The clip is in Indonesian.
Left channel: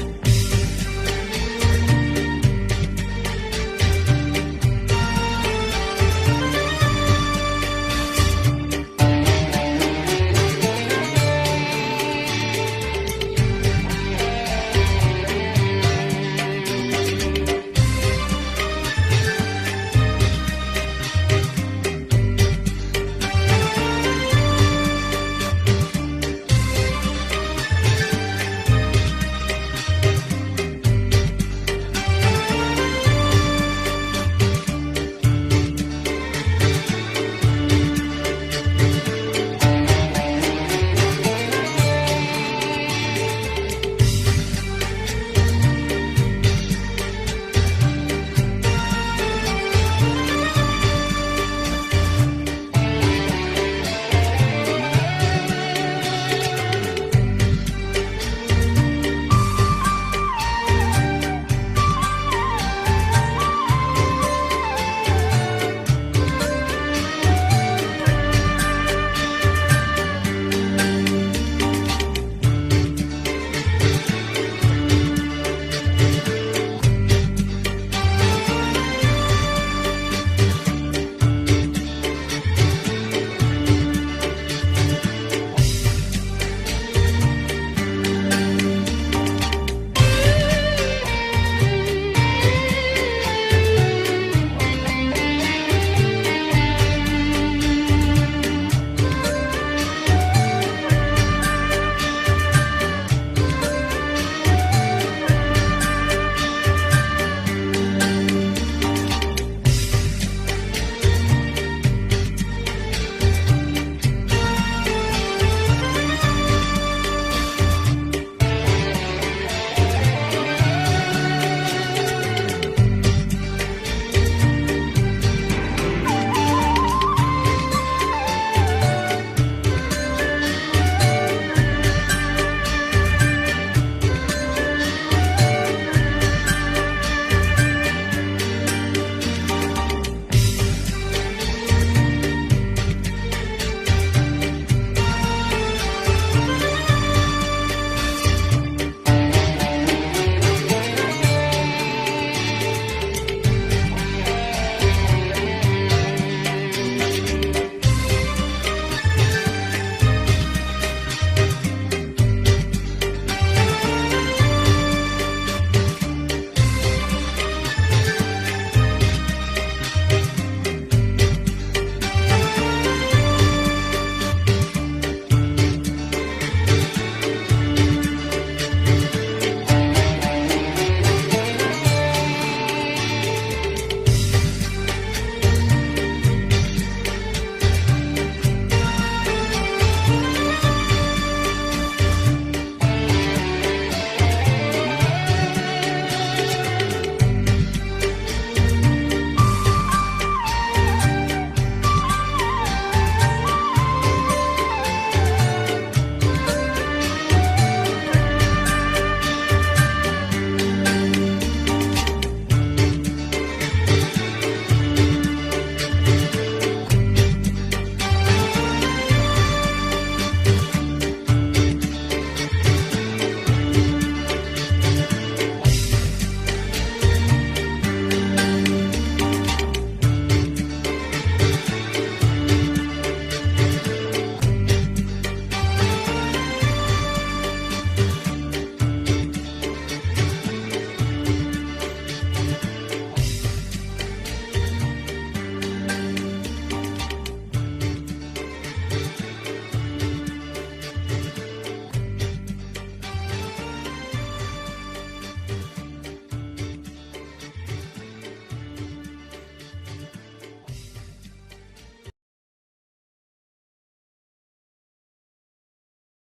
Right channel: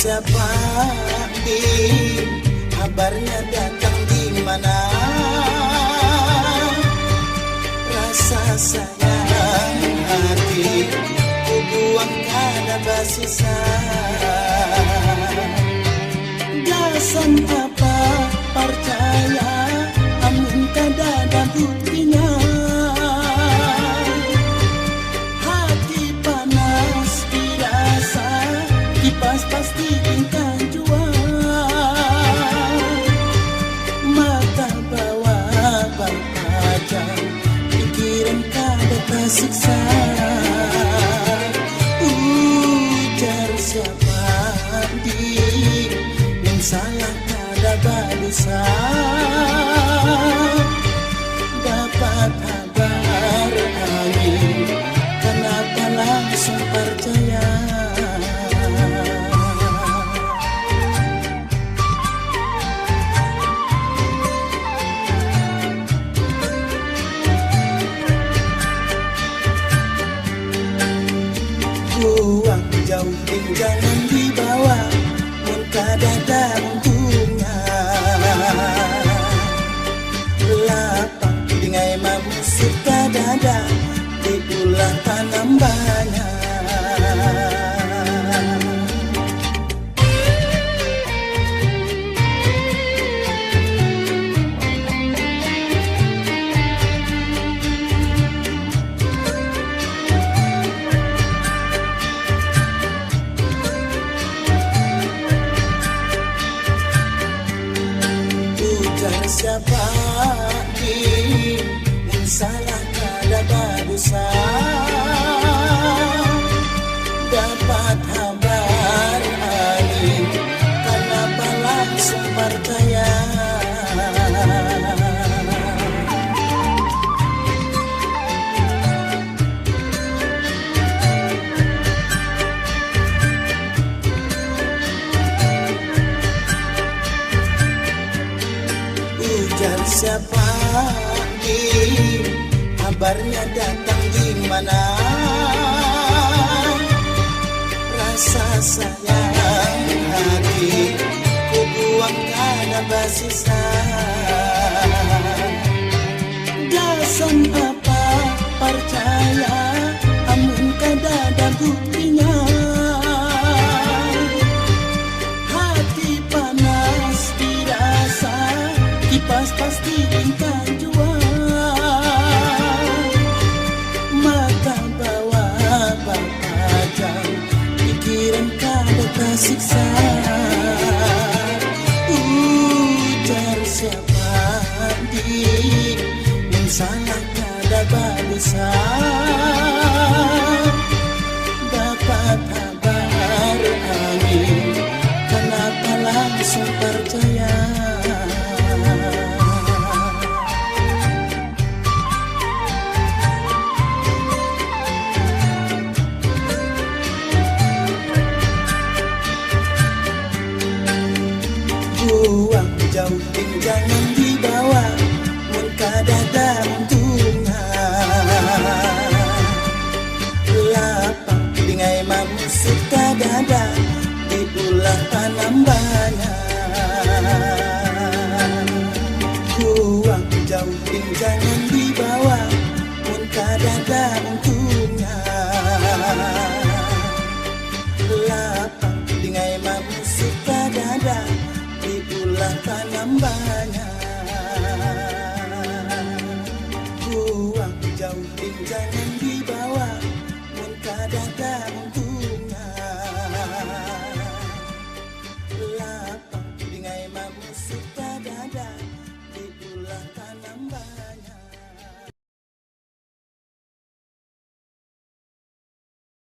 siapa di kabarnya datang di mana, rasa sayang hati ku buang kada bersisa. Gasan apa percaya amun kada ada buktinya. Hati panas biasa kipas pasti tinggal jual. Mata bawa baca pikiran kada tersiksa. Ujar siapa di yang salah kada berdosa. Dapat kabar angin kenapa langsung percaya. Buang jauh jangan dibawa mun kada gantungan. Lapang bingai mamusik kadada itulah tanam banyak. Ujar siapa di yang salah kada berdosa. Dapat kabar angin kenapa langsung percaya. Ujar siapa di kabarnya datang di mana, rasa sayang hati ku buang kada bersisa. Gasan apa percaya amun kada ada buktinya. Hati panas biasa kipas pasti tinggal jual. Mata bawa baca pikiran kada tersiksa. Ujar siapa di yang salah kada berdosa. Dapat kabar angin kenapa langsung percaya. Buang jauh jangan dibawa mun kada gantungan. Lapang bingai mamusik kadada itulah tanam banyak. Buang jauh jangan dibawa mun kada gantungan. Lapang bingai mamusik kadada itulah tanam banyak.